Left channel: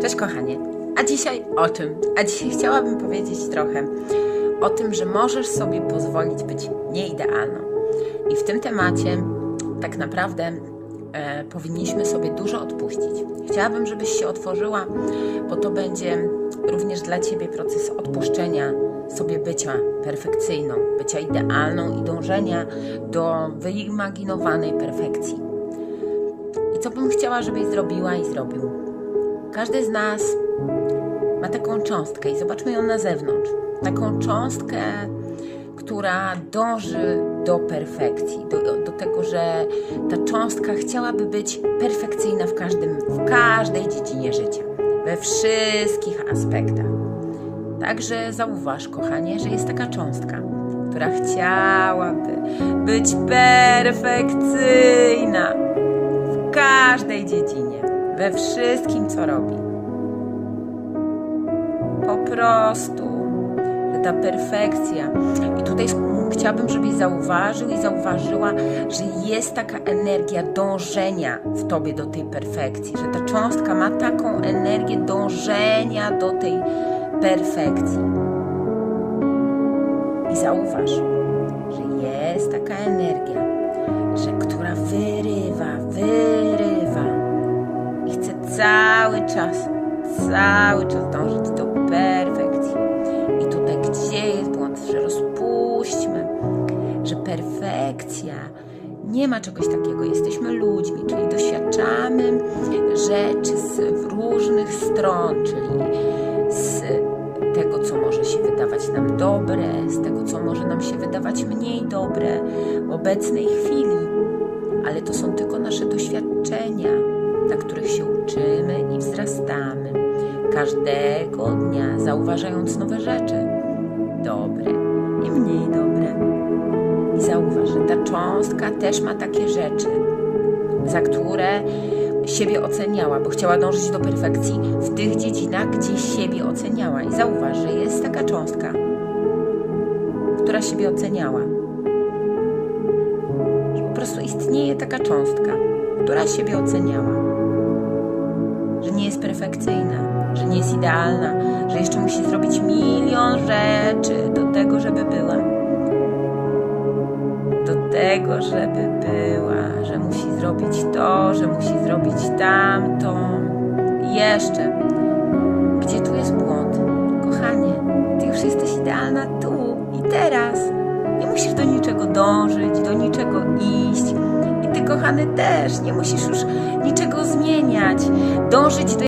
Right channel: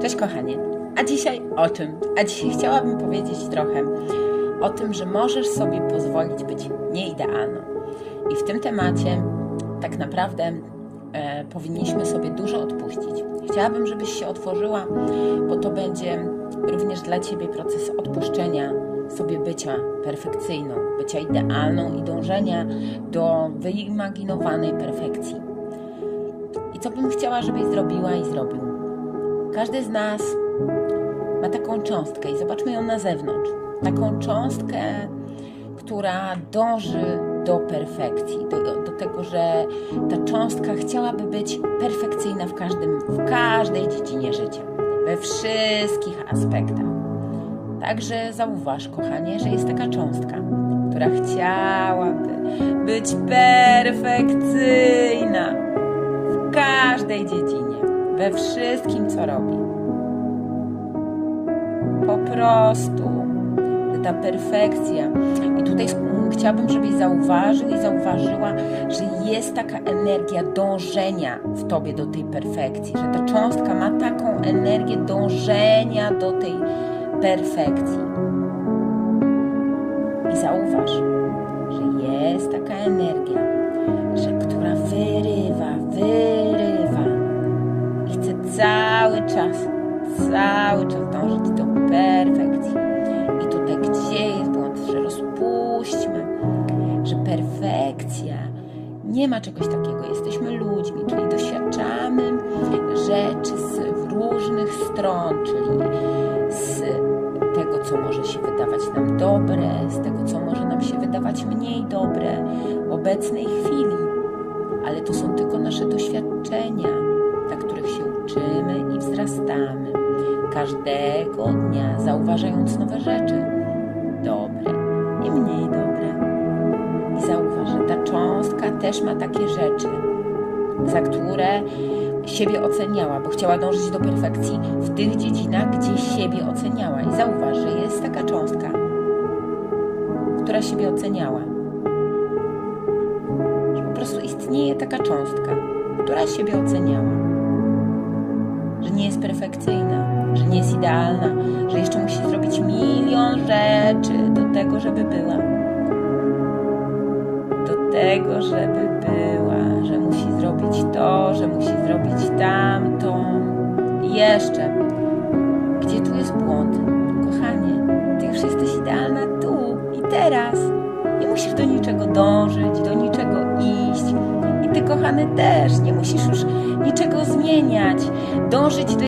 Cześć kochanie. A dzisiaj o czym? A dzisiaj chciałabym powiedzieć trochę o tym, że możesz sobie pozwolić być nieidealną. I w tym temacie tak naprawdę e, powinniśmy sobie dużo odpuścić. Chciałabym, żebyś się otworzyła, bo to będzie również dla Ciebie proces odpuszczenia sobie bycia perfekcyjną, bycia idealną i dążenia do wyimaginowanej perfekcji. I co bym chciała, żebyś zrobiła i zrobił? Każdy z nas ma taką cząstkę i zobaczmy ją na zewnątrz. Taką cząstkę, która dąży do perfekcji, do, do tego, że ta cząstka chciałaby być perfekcyjna w, każdym, w każdej dziedzinie życia, we wszystkich aspektach. Także zauważ, kochanie, że jest taka cząstka, która chciałaby być perfekcyjna w każdej dziedzinie, we wszystkim, co robi. Po prostu ta perfekcja. I tutaj chciałabym, żebyś zauważył i zauważyła, że jest taka energia dążenia w tobie do tej perfekcji, że ta cząstka ma taką energię dążenia do tej perfekcji. I zauważ, że jest taka energia, że która wyrywa, wyrywa cały czas, cały czas dążyć do perfekcji. I tutaj gdzie jest błąd, że rozpuśćmy, że perfekcja nie ma czegoś takiego. Jesteśmy ludźmi, czyli doświadczamy rzeczy z różnych stron, czyli z tego, co może się wydawać nam dobre, z tego, co może nam się wydawać mniej dobre w obecnej chwili. Ale to są tylko nasze doświadczenia, których się uczymy i wzrastamy. Każdego dnia zauważając nowe rzeczy, dobre i mniej dobre. I zauważ, że ta cząstka też ma takie rzeczy, za które siebie oceniała, bo chciała dążyć do perfekcji w tych dziedzinach, gdzie siebie oceniała. I zauważ, że jest taka cząstka, która siebie oceniała. Że po prostu istnieje taka cząstka, która siebie oceniała. Że nie jest perfekcyjna, że nie jest idealna, że jeszcze musi zrobić milion rzeczy do tego, żeby była. Do tego, żeby była, że musi zrobić to, że musi zrobić tamto. I jeszcze, gdzie tu jest błąd? Kochanie, ty już jesteś idealna tu i teraz. Nie musisz do niczego dążyć, do niczego iść. Kochany, też nie musisz już niczego zmieniać, dążyć do